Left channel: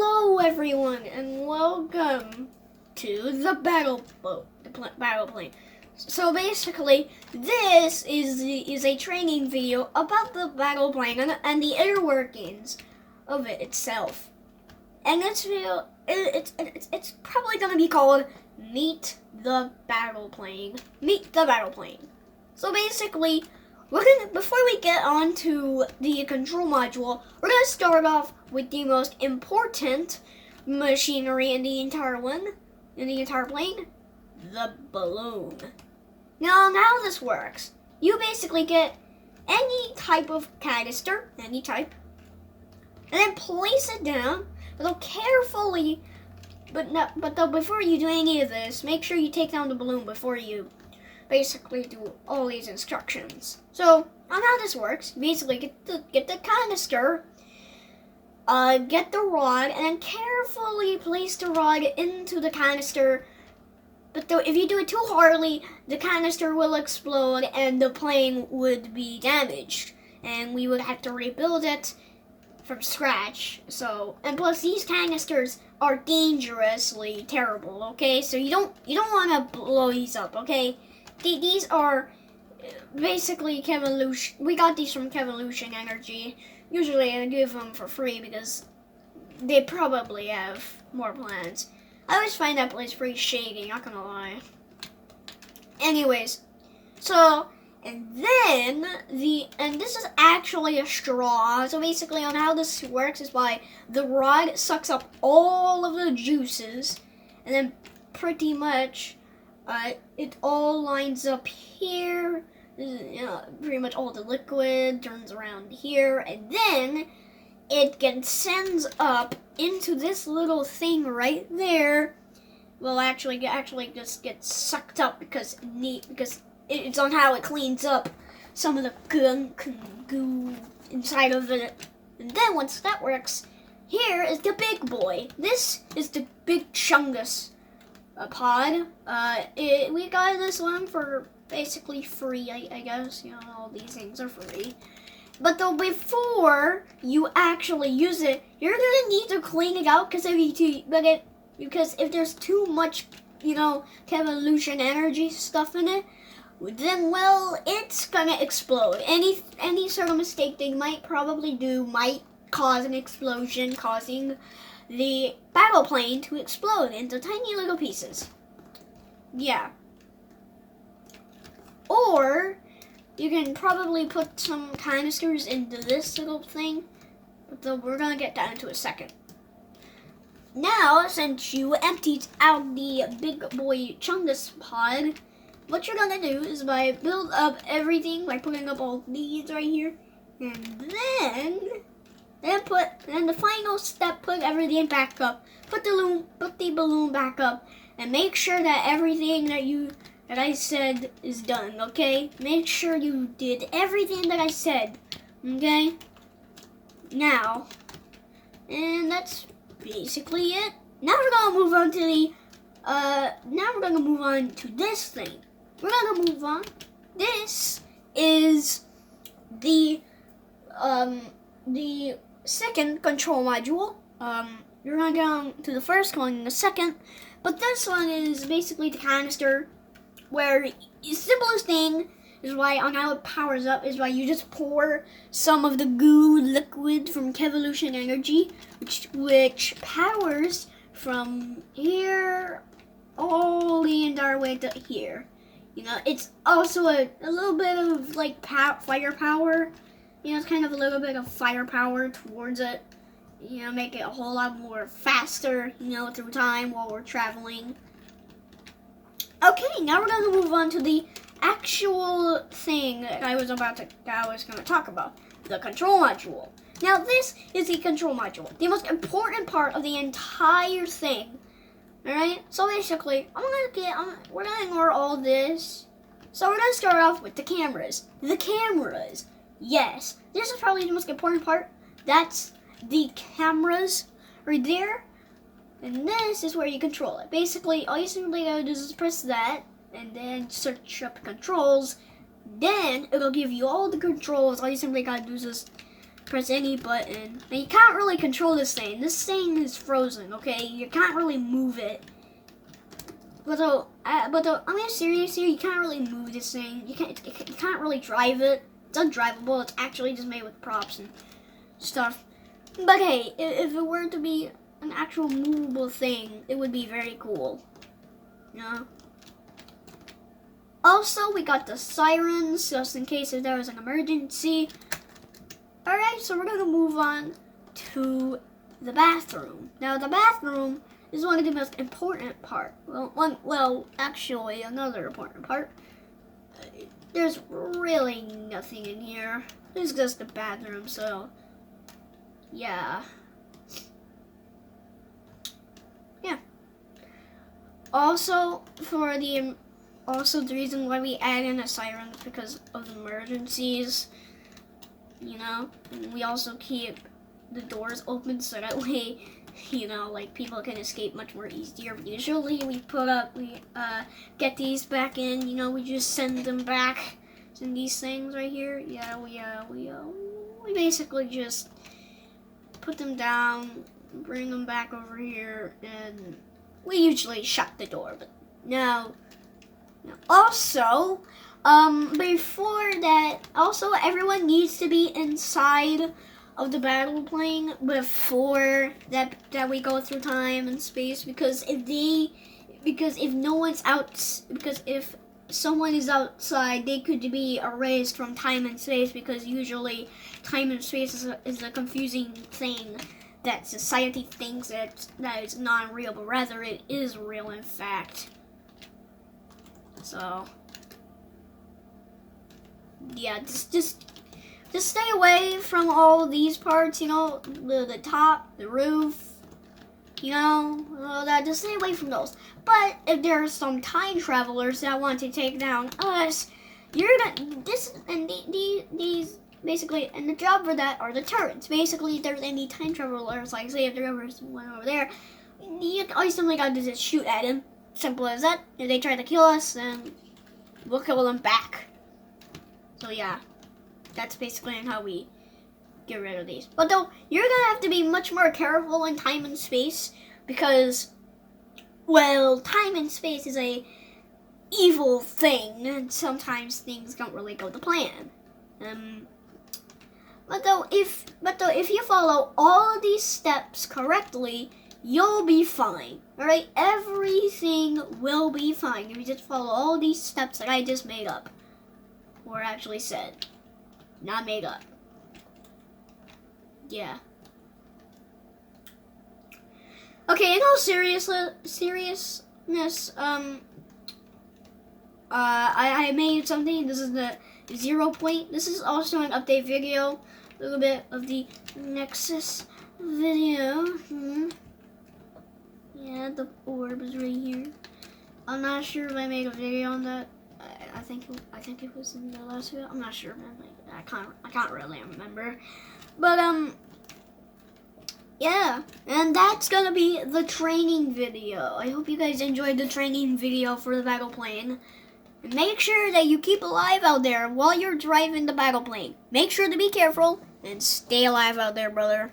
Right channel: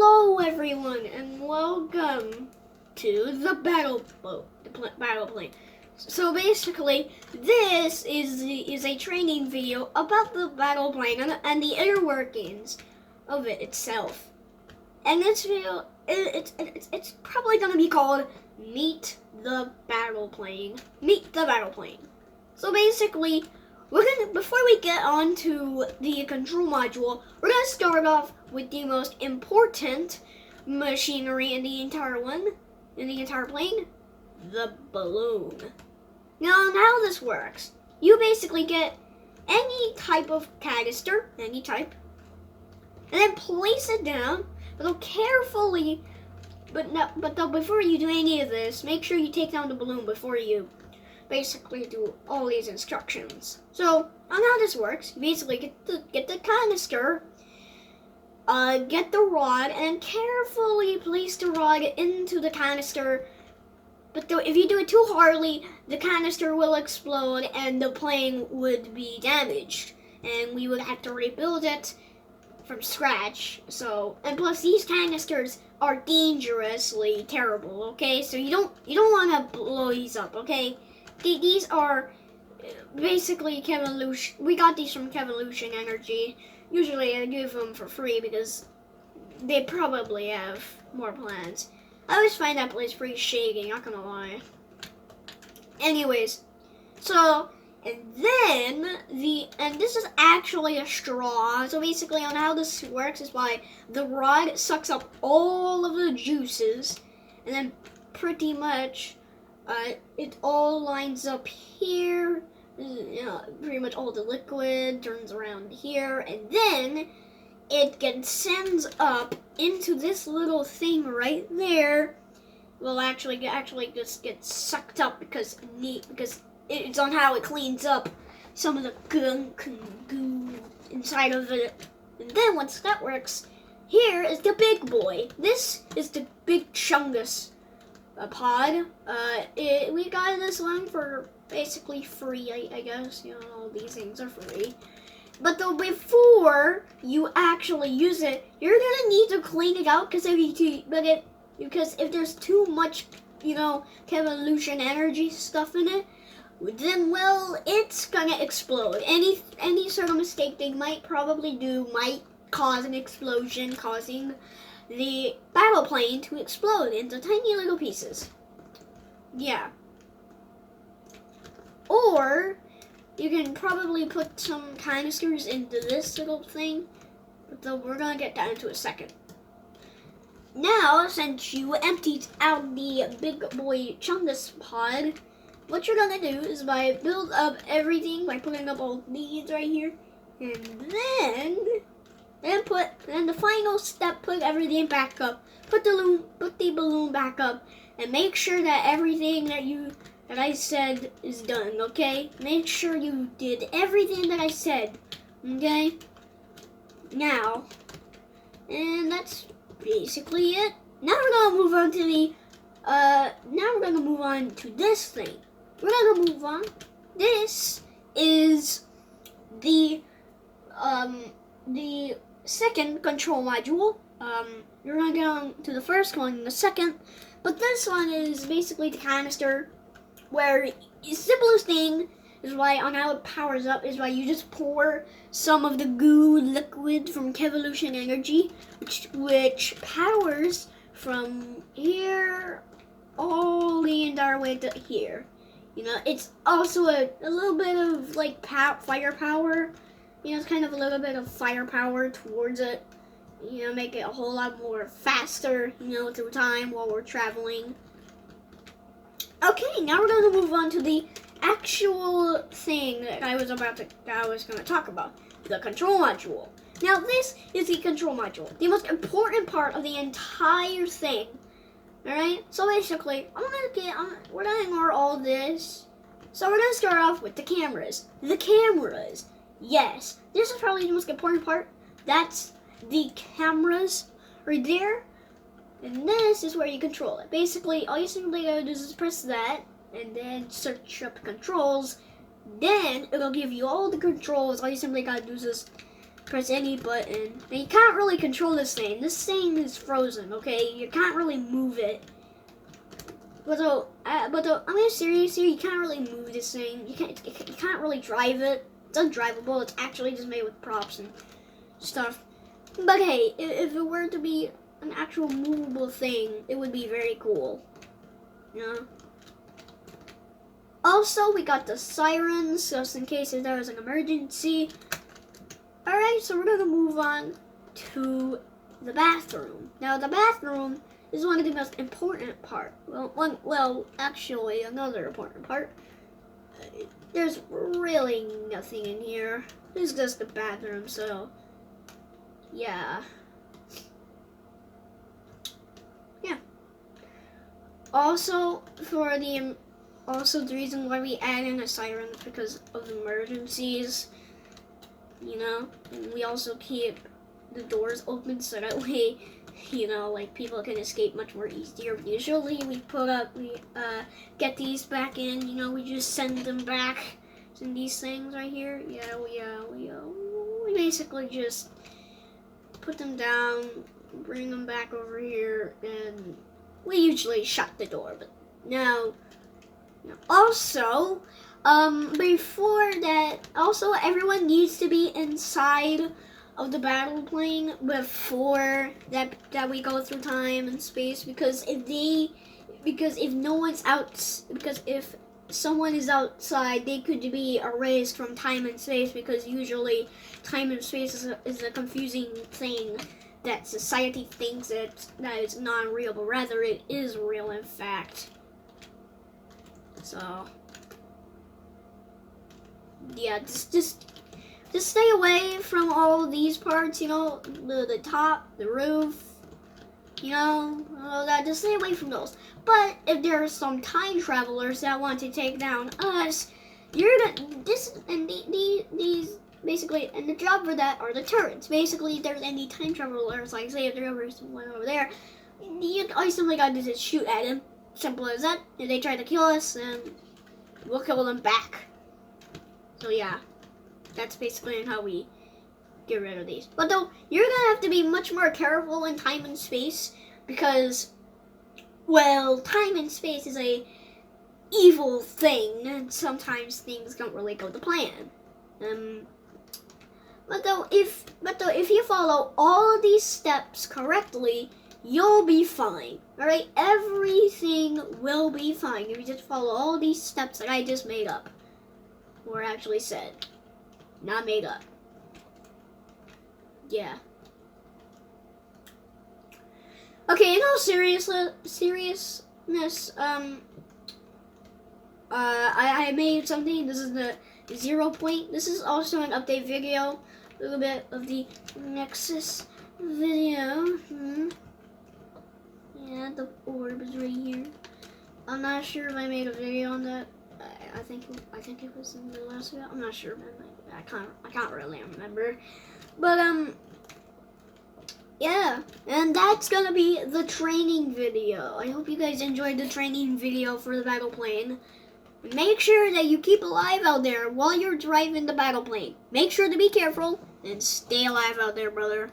Hello everyone and welcome to the battle plane. So basically, this is a training video about the battle plane and the inner workings of it itself. And this video, it's probably gonna be called Meet the Battle Plane. Meet the Battle Plane. So basically, before we get on to the control module, we're gonna start off with the most important machinery in the entire plane, the balloon. Now how this works, you basically get any type of canister, any type, and then place it down, but carefully, before you do any of this, make sure you take down the balloon before you basically do all these instructions. So on how this works, basically get the canister, get the rod, and then carefully place the rod into the canister. But if you do it too hardly, the canister will explode and the plane would be damaged, and we would have to rebuild it from scratch. So, and plus these canisters are dangerously terrible. Okay, so you don't want to blow these up. Okay. These are basically Kevolution. We got these from Kevolution Energy. Usually I give them for free because they probably have more plans. I always find that place pretty shady, not gonna lie. Anyways, so, and this is actually a straw. So basically on how this works is by the rod sucks up all of the juices, and then pretty much it all lines up here. Pretty much all the liquid turns around here, and then it sends up into this little thing right there. Well, actually just gets sucked up because it's on how it cleans up some of the gunk and goo inside of it. And then once that works, here is the big boy. This is the big Chungus pod. We got this one for basically free, I guess. All these things are free. But before you actually use it, you're gonna need to clean it out because if there's too much, Kevolution Energy stuff in it, then it's gonna explode. Any sort of mistake they might probably do might cause an explosion, causing the battle plane to explode into tiny little pieces. Yeah. Or you can probably put some canisters into this little thing, but we're gonna get that into a second. Now, since you emptied out the big boy Chungus pod, what you're gonna do is build up everything by putting up all these right here, and then the final step, put everything back up. Put the balloon back up, and make sure that everything that I said is done. Okay, make sure you did everything that I said. Okay. Now, and that's basically it. Now we're gonna move on to this thing. We're gonna move on. This is the second control module. You're gonna get on to the first one in a second, but this one is basically the canister, where the simplest thing is on how it powers up is you just pour some of the goo liquid from Kevolution Energy, which powers from here all the entire way to here. It's also a little bit of firepower. It's kind of a little bit of firepower towards it. Make it a whole lot more faster, through time while we're traveling. Okay, now we're going to move on to the actual thing that I was going to talk about, the control module. Now, this is the control module, the most important part of the entire thing. All right. So basically, we're going to ignore all this. So we're going to start off with the cameras. The cameras. Yes, this is probably the most important part. That's the cameras right there. And this is where you control it. Basically, all you simply gotta do is press that, and then search up controls. Then it'll give you all the controls. All you simply gotta do is just press any button. And you can't really control this thing. This thing is frozen, okay? You can't really move it. I mean, seriously, you can't really move this thing. You can't really drive it. It's undrivable. It's actually just made with props and stuff. But hey, if it were to be an actual movable thing, it would be very cool. You know? Also, we got the sirens, just in case if there was an emergency. Alright, so we're gonna move on to the bathroom. Now, the bathroom is one of the most important part. Well, actually, another important part. There's really nothing in here. It's just the bathroom, so yeah. Also, the reason why we add in a siren is because of emergencies. You know, and we also keep the doors open so that way, you know, like people can escape much more easier. Usually we get these back in, you know, we just send them back. Send these things right here. Yeah, we basically just put them down, bring them back over here, and we usually shut the door. But now also, before that, also everyone needs to be inside of the battle plane before that we go through time and space, because if someone is outside, they could be erased from time and space, because usually time and space is a confusing thing that society thinks that it's not real, but rather it is real in fact. So yeah, just stay away from all these parts, you know, the top, the roof, you know, all that. Just stay away from those. But if there are some time travelers that want to take down us, these basically, and the job for that are the turrets. Basically, if there's any time travelers, like say if there's one over there, all you simply gotta do is just shoot at them. Simple as that. If they try to kill us, then we'll kill them back. So yeah, that's basically how we get rid of these. But though, you're gonna have to be much more careful in time and space, because, well, time and space is a evil thing, and sometimes things don't really go to plan. But though, if you follow all of these steps correctly, you'll be fine. Alright? Everything will be fine if you just follow all these steps that I just made up. Or actually said. Not made up. Yeah. Okay, in all seriousness, I made something. This is the 0 point. This is also an update video. A little bit of the Nexus video. Yeah, the orb is right here. I'm not sure if I made a video on that. I think it was in the last video. I'm not sure, man. I can't really remember. But yeah, and that's gonna be the training video. I hope you guys enjoyed the training video for the battle plane. And make sure that you keep alive out there while you're driving the battle plane. Make sure to be careful and stay alive out there, brother.